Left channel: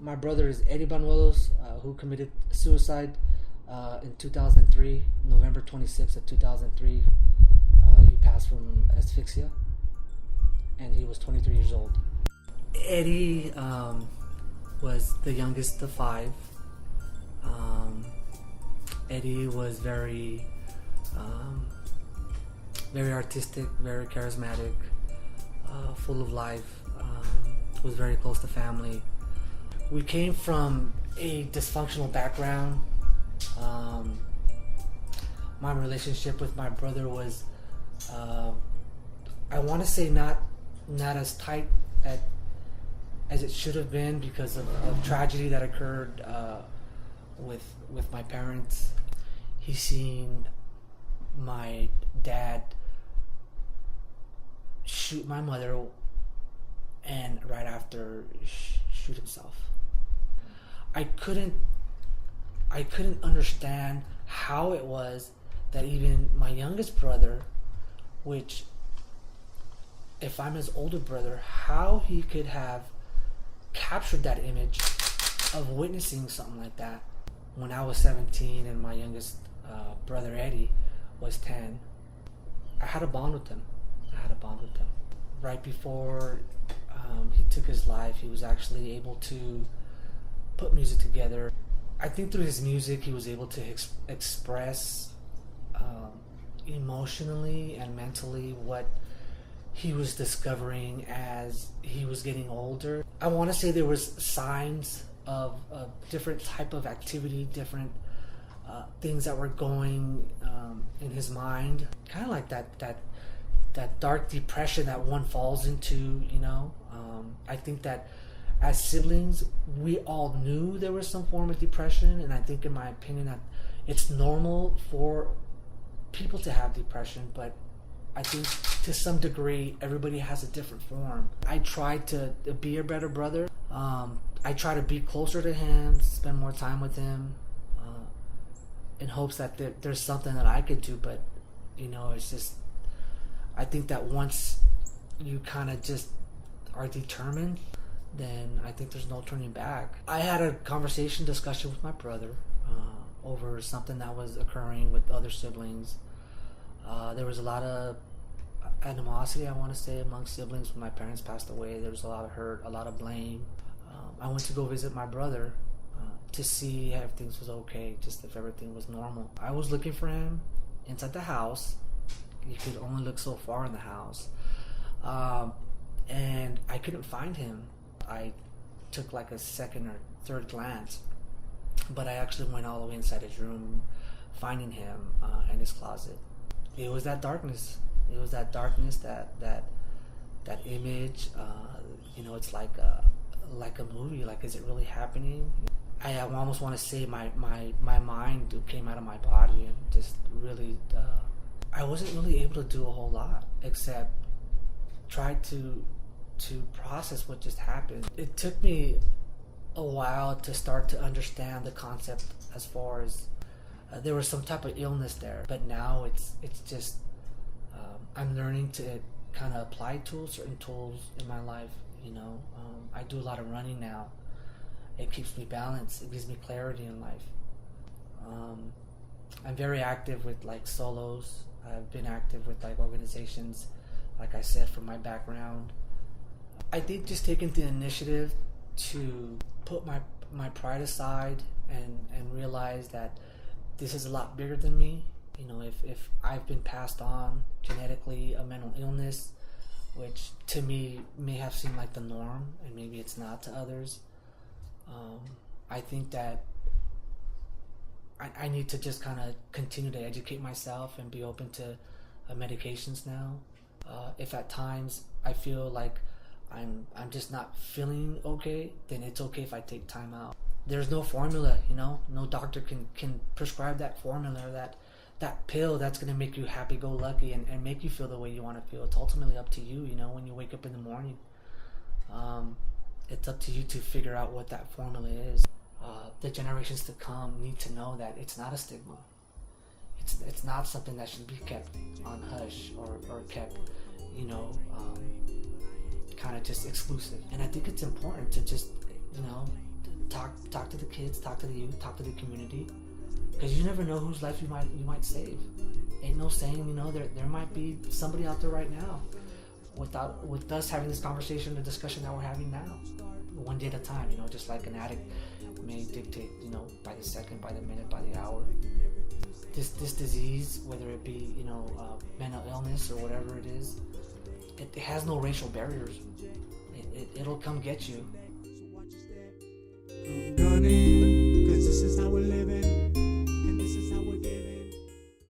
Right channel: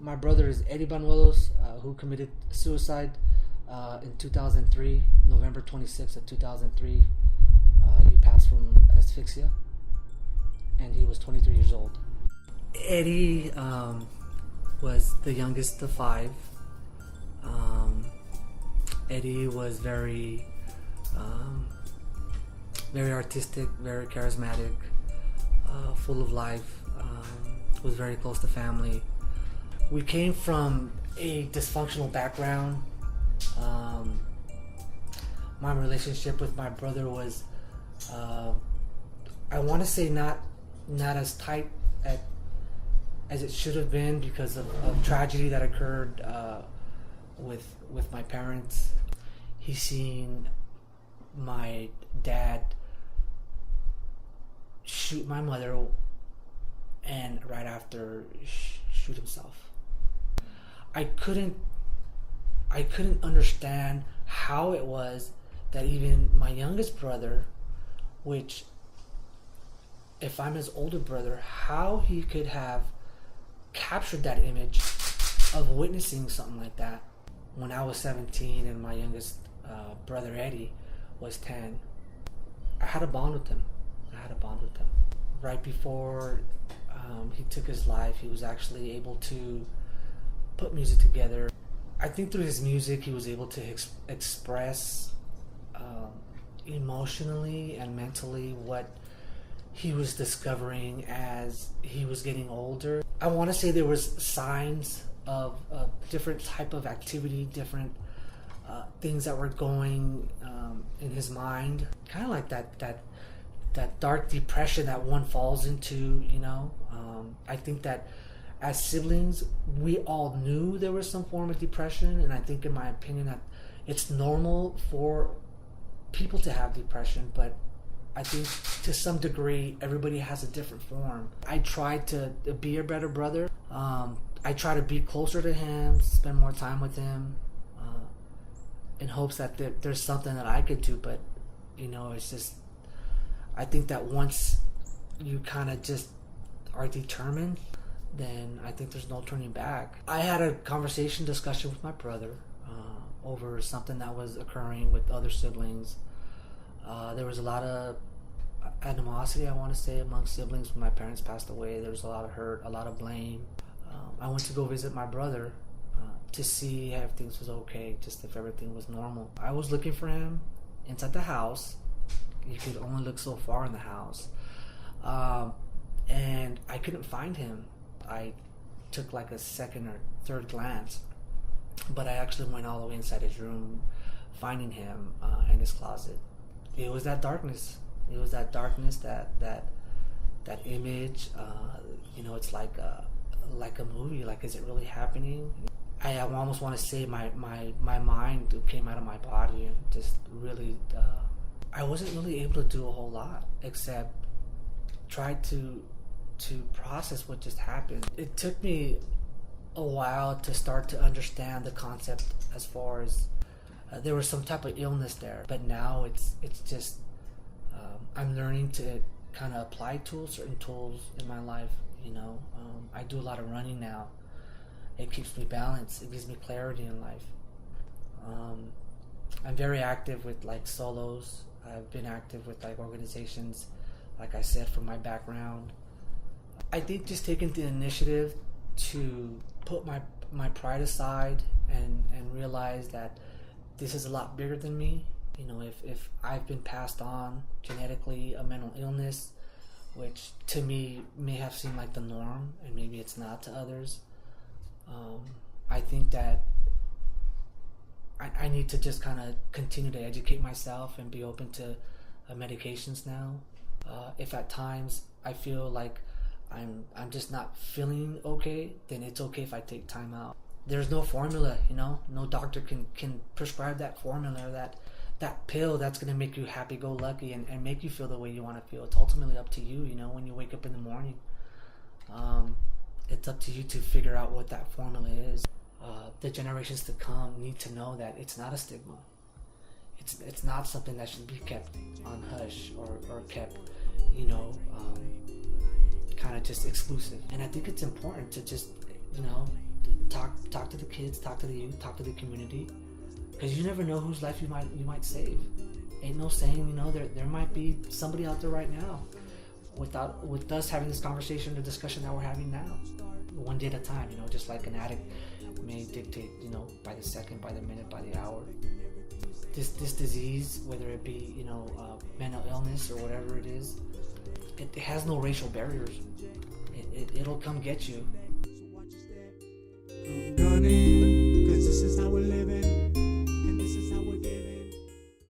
My brother is Eddie Banuelos, who committed suicide in 2003, November 26th of 2003. He passed from asphyxia, and he was 23 years old. Eddie was the youngest of five. Eddie was very artistic, very charismatic, full of life, was very close to family. We came from a dysfunctional background. My relationship with my brother was, I want to say not as tight as it should have been because of tragedy that occurred with my parents. He seen my dad shoot my mother and right after shoot himself. I couldn't understand how it was that even my youngest brother, which if I'm his older brother, how he could have captured that image of witnessing something like that when I was 17 and my youngest brother Eddie was 10. I had a bond with him. Right before he took his life, he was actually able to put music together. I think through his music he was able to express emotionally and mentally what he was discovering as he was getting older. I want to say there was signs of different type of activity, different things that were going in his mind, kind of like that dark depression that one falls into, you know. I think that as siblings, we all knew there was some form of depression, and I think, in my opinion, that it's normal for people to have depression, but I think to some degree, everybody has a different form. I tried to be a better brother. I try to be closer to him, spend more time with him, in hopes that there's something that I could do, but, you know, it's just, I think that once you kind of just are determined, then I think there's no turning back. I had a discussion with my brother over something that was occurring with other siblings. There was a lot of animosity, I want to say, among siblings when my parents passed away. There was a lot of hurt, a lot of blame. I went to go visit my brother to see if things was okay, just if everything was normal. I was looking for him inside the house. You could only look so far in the house. And I couldn't find him. I took like a second or third glance, but I actually went all the way inside his room, finding him in his closet. It was that darkness. That image. You know, it's like a movie. Like, is it really happening? I almost want to say my mind came out of my body and just really. I wasn't really able to do a whole lot except try to process what just happened. It took me a while to start to understand the concept as far as there was some type of illness there, but now it's just I'm learning to kind of apply certain tools in my life. You know, I do a lot of running now. It keeps me balanced. It gives me clarity in life. I'm very active with like solos. I've been active with like organizations, like I said, from my background. I think just taking the initiative to put my pride aside and realize that this is a lot bigger than me. You know, if I've been passed on genetically a mental illness, which to me may have seemed like the norm, and maybe it's not to others, I think that I need to just kind of continue to educate myself and be open to medications now. If at times I feel like I'm just not feeling okay, then it's okay if I take time out. There's no formula, you know. No doctor can prescribe that formula or that pill that's going to make you happy-go-lucky and make you feel the way you want to feel. It's ultimately up to you, you know, when you wake up in the morning. It's up to you to figure out what that formula is. The generations to come need to know that it's not a stigma. It's not something that should be kept on hush or kept, you know, kind of just exclusive. And I think it's important to just, you know, talk to the kids, talk to the youth, talk to the community, because you never know whose life you might save. Ain't no saying, there might be somebody out there right now with us having this conversation, the discussion that we're having now, one day at a time. Just like an addict may dictate, by the second, by the minute, by the hour. This disease, whether it be mental illness or whatever it is, it has no racial barriers. It'll come get you. I'm gunning, 'cause this is how we're living.